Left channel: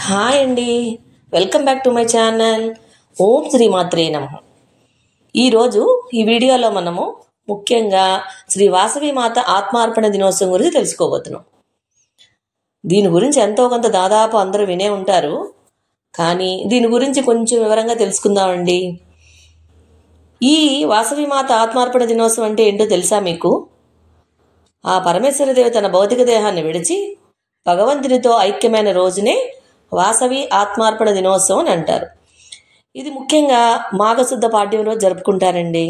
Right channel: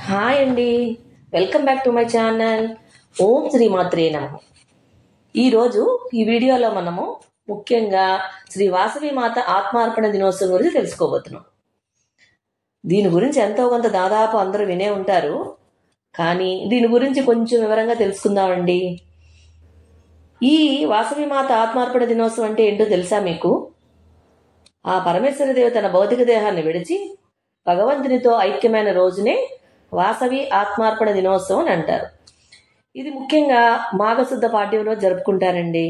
Hi అండి. Welcome back to my channel. ఓం శ్రీ మాత్రే నమః. ఈరోజు ఈ వీడియోలో మనము ముఖ్యంగా శ్రీ వాసవి మాత ఆత్మార్పణ దినోత్సవం గురించి తెలుసుకోబోతున్నాం. దీని గురించి ఎంతో కొంత దాదాపు అందరూ వినే ఉంటారు, కానీ దీని గురించి కొంచెం వివరంగా తెలుసుకుందామండి. ఈ వాసవి మాత ఆత్మార్పణ దినోత్సవం అంటే ఏంటో తెలుసా మీకు? ఆ పరమేశ్వరదేవి తన భౌతిక దేహాన్ని విడిచి భగవంతునితో ఐక్యమైన రోజునే వాసవి ఆత్మార్పణ దినోత్సవం అని అంటారు. ఇది ముఖ్యంగా మాఘశుద్ధ పాడ్యం రోజు జరుపుకుంటారండి.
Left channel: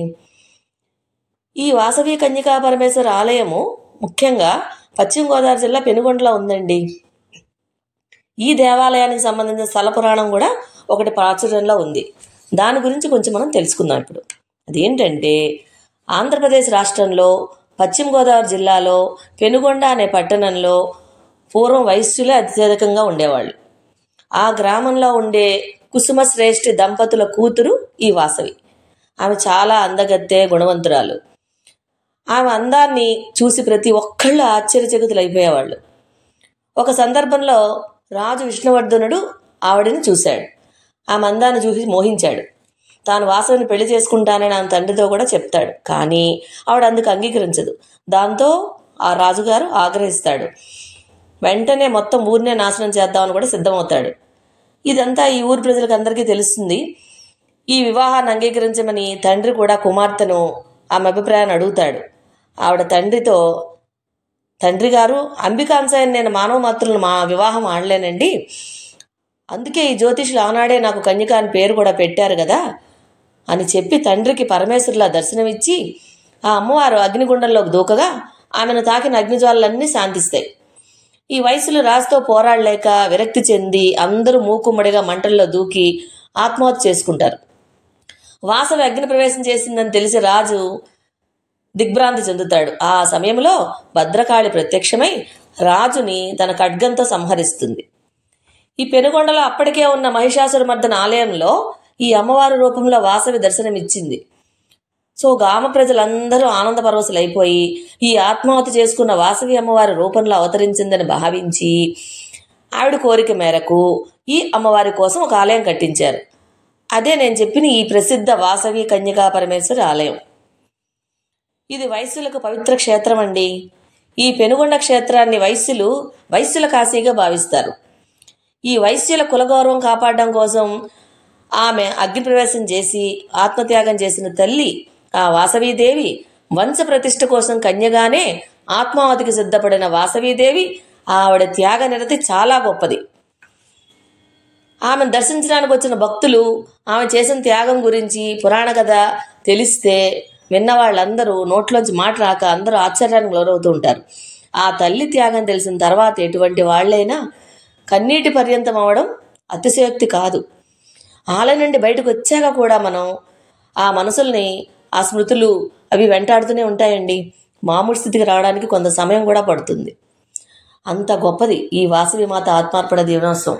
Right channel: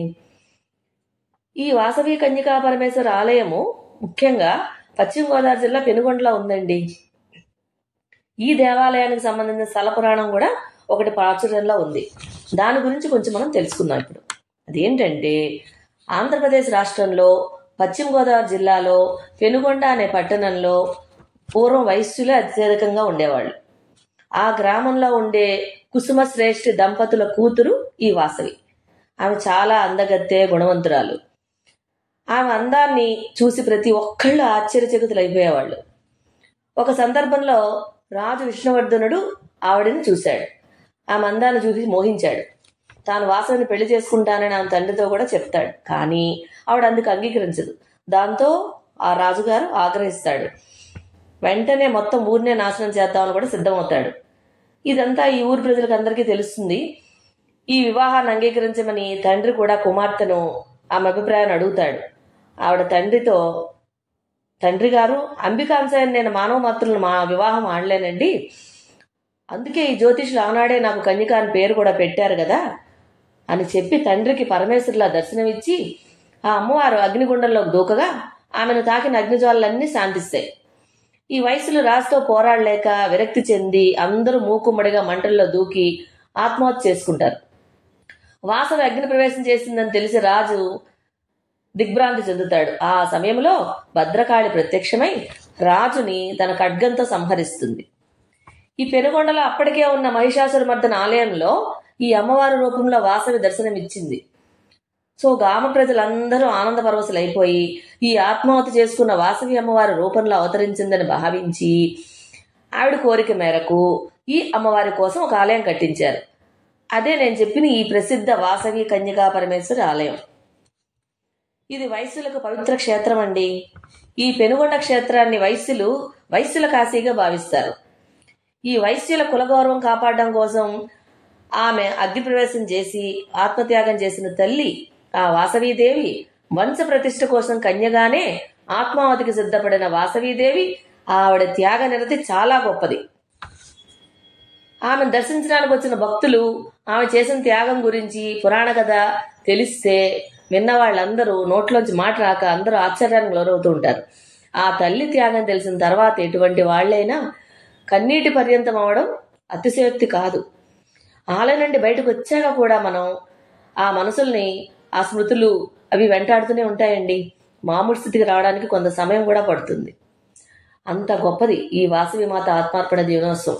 ఈ వాసవి కన్యకా పరమేశ్వర ఆలయము ముఖ్యంగా పశ్చిమ గోదావరి జిల్లా పెనుగొండలో ఉందండి. ఈ దేవాలయానికి సంబంధించిన స్థల పురాణం కూడా ఒకటి ప్రాచుర్యంలో ఉంది. దాని గురించి కొంచెం మనం తెలుసుకుందాం ఇప్పుడు. అదేంటంటే, ఆంధ్రప్రదేశ్ రాష్ట్రంలో పశ్చిమ గోదావరి జిల్లాలో పెనుగొండ అనే పట్టణంలో పూర్వం వైశ్యులే అత్యధికంగా ఉండేవాళ్ళు. ఆ గ్రామంలో ఉండే కుసుమశ్రేష్ఠి దంపతుల కూతురు ఈ వాసవి. ఆమె చాలా అందగత్తె, గుణవంతురాలు. ఆమె అందాన్ని చూసి ప్రతి ఒక్కళ్ళు ఆశ్చర్యచకితులైపోయేవాళ్ళు. ఒక సందర్భంలో రాజు విష్ణువర్ధనుడు ఆవిడని చూశాడు. ఆమె అందాన్ని చూసి మోహించాడు. తాను వాసవిని పెళ్లి చేసుకుంటానని ఆమె తండ్రితో కూడా చెప్తాడు. కానీ ఆవిడ అందుకు అంగీకరించదు. దాంతో ఆ రాజుగారు ఆగ్రహిస్తాడు. వెంటనే మొత్తం ఊరినే నాశనం చేద్దామని కూడా సిద్ధమవుతాడు. ఇదంతా ఈ ఊరి ప్రజలకు అందరికీ తెలుస్తుంది. ఈ వివాహాన్ని అంగీకరించమని తండ్రి కూడా కుమార్తెను ఆమె అభిప్రాయాన్ని అడుగుతాడు. ఆవిడ తండ్రితో, తండ్రి గారు, అంబికాంశాయని నేను మానవ మాత్రులను మా వివాహం ఆడలేనండి. అందుకే ఈ జ్యోతిషులు ఆనాడే నాకు కన్యక అని పేరు కూడా పెట్టారు కదా అని చెప్పి తండ్రికి పరమేశ్వరులా దర్శనమిచ్చి ఆ అమ్మవారు అగ్నిగుండంలోకి దూకగా ఆమెను తాకిన అగ్నిజ్వాలన్నీ శాంతిస్తాయి. ఈ వయసులో రాజుతో పోరాడలేక విరక్తి చెంది అందరూ మూకుమ్మడిగా మంటల్లో దూకి ఆత్మహత్య చేసుకుంటారు. వాసవి అగ్ని ప్రవేశం చేసిందని తెలిసి రాజు దిగ్భ్రాంతి చెందుతాడు. ఆ సమయంలో భద్రకాళి ప్రత్యక్షమై రాజుని తన ఖడ్గంతో సంహరిస్తుంది. ఈ పెనుగొండలో అప్పటికే ఉన్న మహిషాసురమర్దన ఆలయంలో ఈ అమ్మవారి రూపంలో వాసవి దర్శనమిచ్చింది. సో గ్రామ ప్రజలందరూ ఆనంద పరవశులైపోయి ఈ ఆత్మాహుతి చేసుకున్న వాసవి అమ్మవారి రూపంలో అవతరించిందని భావించి ఆవిడ కోరిక మేరకు ఈ అమ్మవారి కోసం ఒక ఆలయం కట్టించారు. అదే నేను చెప్పిన ఈ ప్రసిద్ధ వాసవి కన్యకా పరమేశ్వరి ఆలయం. ఇది వైశ్యులకు పవిత్ర క్షేత్రం అండి. ఈ పెనుగొండ క్షేత్రాన్ని వైశ్యుల కాశీగా భావిస్తారు. ఈ వైశ్యుల కులగౌరవం కాపాడడం కోసం ఆమె అగ్నిప్రవేశం చేసి ఆత్మత్యాగం చేసిన తల్లి ఆ వాసవీదేవి వంశ ప్రతిష్ఠ కోసం కన్యగానే ఆత్మావతికి సిద్ధపడిన వాసవీదేవి ఆవిడ త్యాగ నిరతి చాలా గొప్పది. ఆమెను దర్శించడానికి వచ్చిన భక్తులు ఆమె చేసిన త్యాగం గురించి పురాణ కథ తెలిస్తే విన్న వాళ్ళందరూ నోట్లోంచి మాట రాక అందరూ ఆశ్చర్యానికి లోనవుతూ ఉంటారు. ఆ తల్లి త్యాగం తెలిసిన తర్వాత ఎటువంటి వాళ్ళైనా కన్నీటి పర్యంతం అవ్వడం అతిశయోక్తి కాదు. ఆలయం నుండి బయటకు వచ్చాక కూడా మనం ఆ మనసుల్ని, ఆ స్మృతులు అవి వెంటాడుతూనే ఉంటాయండి. మామూలు స్థితికి రావడానికి కొంత సమయం కూడా పడుతుంది. అంత గొప్పది ఈ వాసవి మాత ఆత్మార్పణ దినోత్సవం.